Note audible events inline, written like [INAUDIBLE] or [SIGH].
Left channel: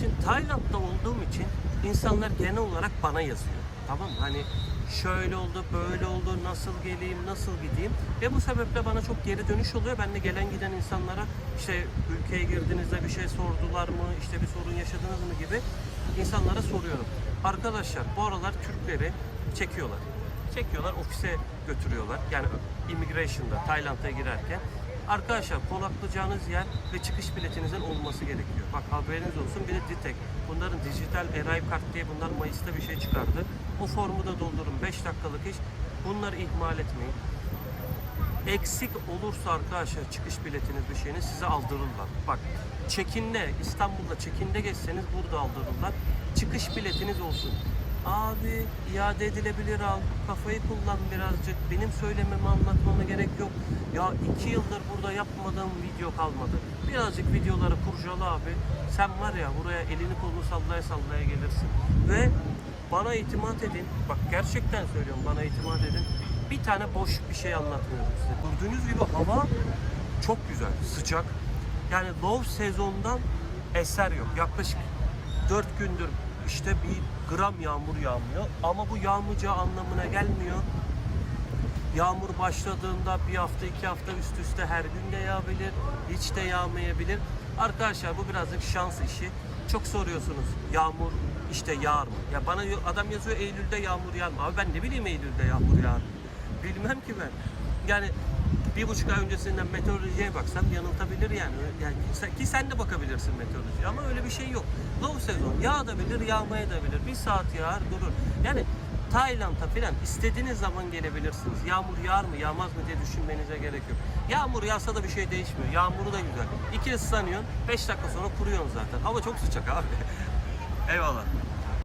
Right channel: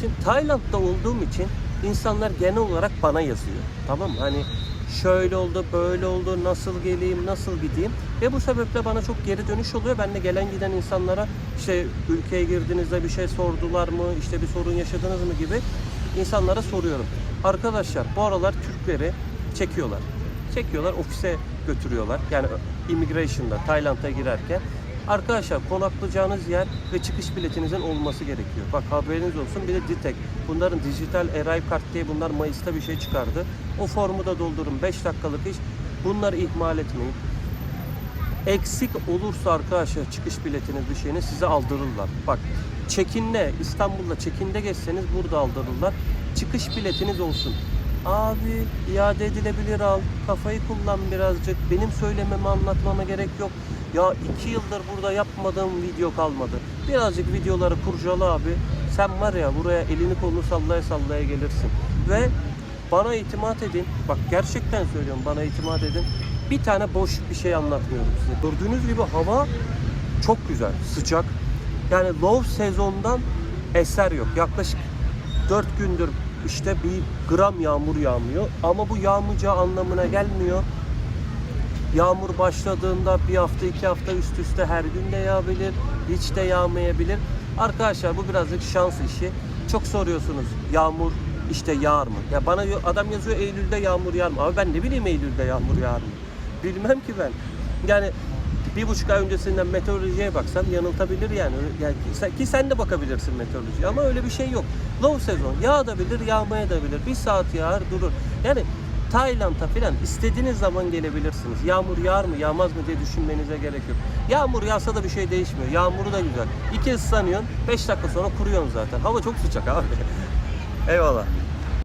Şimdi Tayland'da olduğum için insanlar genel olarak bana yazıyor. Tamam? Hani şöyle oldu, böyle oldu, nasıl geleyim, nasıl gideyim. Ve bu sebeple bana çok geri dönüş oluyor. Ben de gelen giden insanlara işte ülkeye girdiğinizde bir şey sordular mı, işte bir sorun yaşadınız mı gibi insanlara soruyorum. Arkadaşlar bu aralar Türkleri çekiyorlar. Çekiyorlar, ofise götürüyorlar. Yani immigration'da, Tayland'a girerken. Arkadaşlar konaklayacağınız yer ve çıkış biletinizin olması gerekiyor. Bak haberiniz olsun bir de Ditek. Bunların dijital Arrive Kart diye bunlar Mayıs'ta bir şey çıkardı. O formu da doldurun. 5 dakikalık iş. Bunları ihmal etmeyin. Eksik olursa arkadaşlar çıkış biletiniz bir şeyini size aldırırlar. Bak çekinde İstanbul'da çekinde geçseniz burada aldırırlar. Çıkış biletiniz olsun. Abi iade edilebilir al. Kafayı kullan birazcık. Benim söylememi anlatmama gerek yok. Ya iki yıldır burada yapmadığım video kalmadı. Birazcık videoları kurcala abi. Sen var ya buraya elini kolunu sallaya sallaya gelirsin. Ve bana itimat edin. Bak gerçekten söylüyorum bana itimat edin. Bir tane boş bir şey anlatmıyorum size. Gördüğünüz gibi hava çok güzel, sıcak. Yani low sezondan eser yok. Yaklaşık 4 gündür işte bir gram yağmur yağmıyor. Ama bu yağmayacağı anlamına gelmiyor. Yağmur başladığında bir hafta iki hafta üst üste her gün de yağabilir. Hiç de yağmayabilir. Arkadaşlar bu birazcık şans işi. Çok soruyorsunuz yağmur işte yağar mı? Ya bana adam yazıyor Eylül'de yağmur yağar mı? Abi ben ne bileyim Eylül'de yağmur yağar mı? Bilmem ki ben. Yani bir buçuk ay öncesinden meteorolojiye baksam yanıltabilir yani. Yani ki, sen, de bakabilirsin meteorolojiye ama öyle bir şey yok. Low sezon yağabilir, yağmayabilir. Bir saat yağar durur. Yani Tayland'a filan istediğiniz zaman gelebilirsiniz. Yağmur yağar mı yağmaz mı diye düşünmenize gerek yok. Yağmur yağsa da bir şey değişmiyor. Yağmuru da güzel. İki ıslanıyorsun 5 dakika sonra kuruyorsun zaten. Hava çok sıcak abi. [LAUGHS] Eyvallah.